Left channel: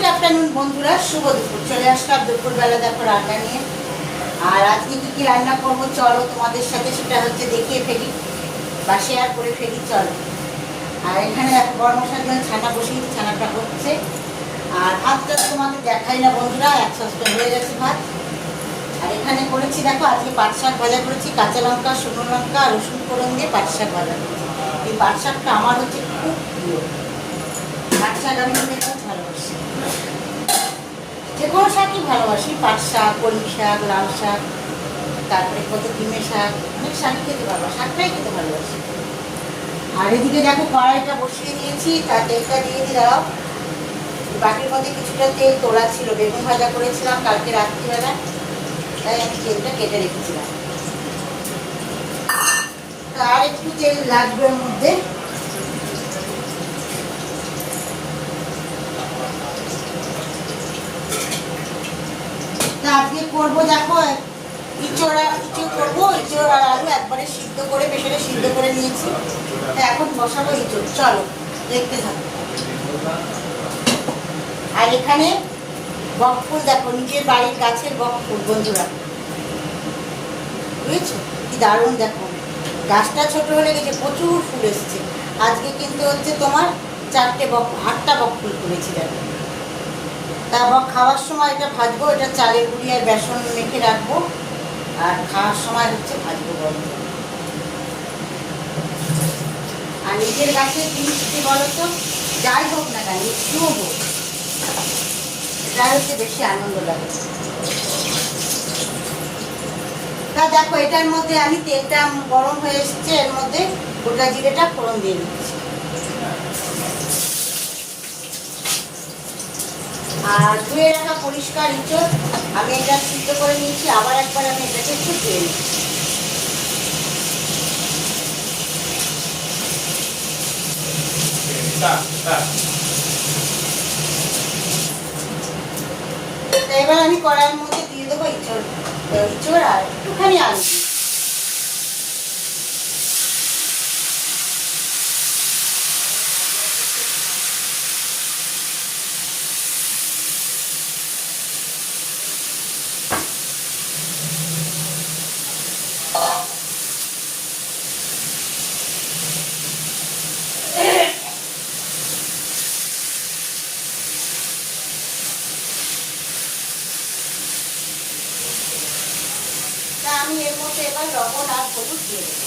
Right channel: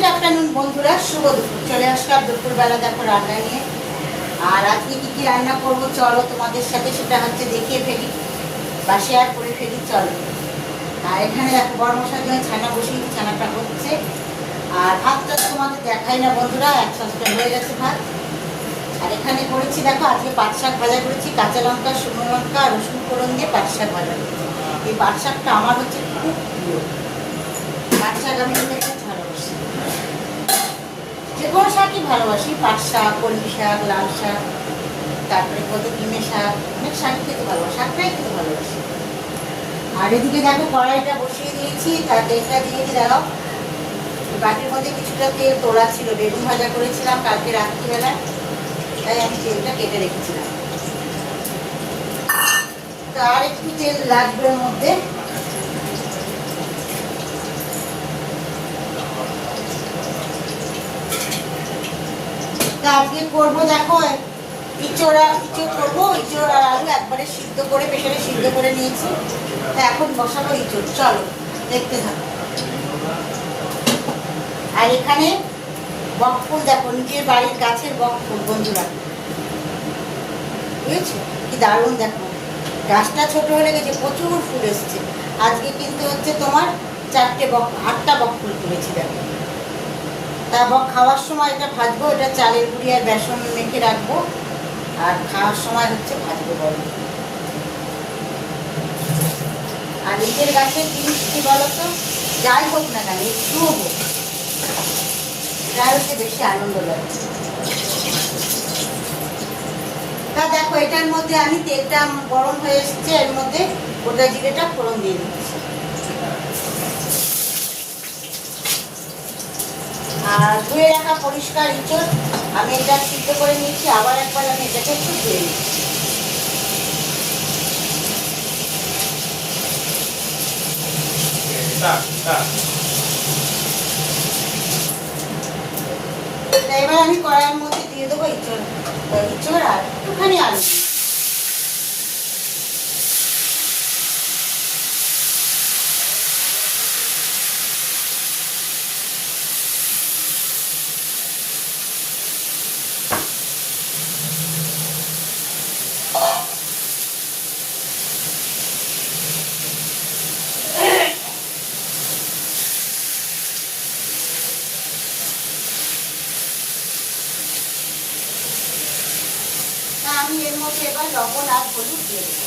Good afternoon বন্ধুরা, শুভ দুপুর। চলে আসলাম দুপুরবেলা দেখো রান্না নিয়ে। আর আজকে কি কি রান্না করবো চলো তোমাদের সাথে সেটা হচ্ছে দেখিয়ে ফেলি বা শেয়ার করে ফেলি, চলো। আর এখানে দেখো গরম মশলার জন্য ছানা বসিয়েছি, ছানাটা হচ্ছে। আর ভাতটা তোমাদের দেখাই না বন্ধুরা, এক সপ্তাহ হয়ে গেছে ভাত। আর এখানে করেছি দেখো আজকে পাট শাক ভাজা করেছি, কাঁচা লঙ্কা, শুকনো লঙ্কা, রসুন ফোড়ন দিয়ে পাট শাক ভাজা করেছি। এই পাট শাকটা আমার হচ্ছে খুব প্রিয়। পাট শাক আমি খেতে খুব ভালোবাসি, যে কোনো শাকই ভালোবাসি। পাট শাক, কলমি শাক, লাল শাক, তারপরে কত ডিমের শাক, অনেক শাকই খেতে ভালোবাসি, শাকটাই খেতে ভালোবাসি। আর এদিকে দেখো কড়াইটা বসিয়ে দিয়েছি, তার তেলটা দিয়ে দাও। বাটির মধ্যে কিছুটা তেল তোলা ছিল, বেগুন ভাজা করেছিলাম কালকে রাত্রিবেলায়, তাই আমি তেলটা কেটে রেখেছিলাম। আর একটু তেল লাগবে এর মধ্যে। আজকে করবো দেখো ইঁচড় করবো, ইঁচড় আর আলু একবারে সিদ্ধ করে প্রেসারে সিদ্ধ করে নিয়েছি। তা এখন বসাবো ইঁচড়, চলো দেখতে থাকো। আর এখানে বকফুল দেখো, নিজের বাড়ির গাছের বকফুল বন্ধুরা, বুঝেছো কি দারুণ। দেখো গাছটা ছোট হয়ে গেছে, প্রচুর ফুল এসছে। আজকে কিন্তু হচ্ছে তোমার 8টা বকফুল তুলেছি দেখো। তারপর খাওয়ার সময় এটা ভাজবো, এটা চালের গুঁড়ি আর বেসন মেখে রাখবো, আর খাওয়ার সময় হচ্ছে ভাজবো গরম। আর নিজের গাছের জিনিস কি বলতো, যাই হোক না কেন একটুও হোক, এটাই হচ্ছে বেশি আনন্দ লাগে। তা দেখো এটার মধ্যে আমি তেলটা গরম হয়ে এসছে, এর মধ্যে গোটা জিরেটা ফোড়ন দিয়ে দিচ্ছি। আর ধুয়ে রাখা পরিষ্কার ইঁচড় আমি এটা সিদ্ধ করে নিয়েছি, আবার একবার আমি এটাকে একটু ধুয়ে নিচ্ছি। এবার আমি কড়াইয়ের মধ্যে দিয়ে দেবো ইঁচড় আর একটুখানি আলু। আমি এর মধ্যে এবার লবণ আর হলুদ দিয়ে দেবো।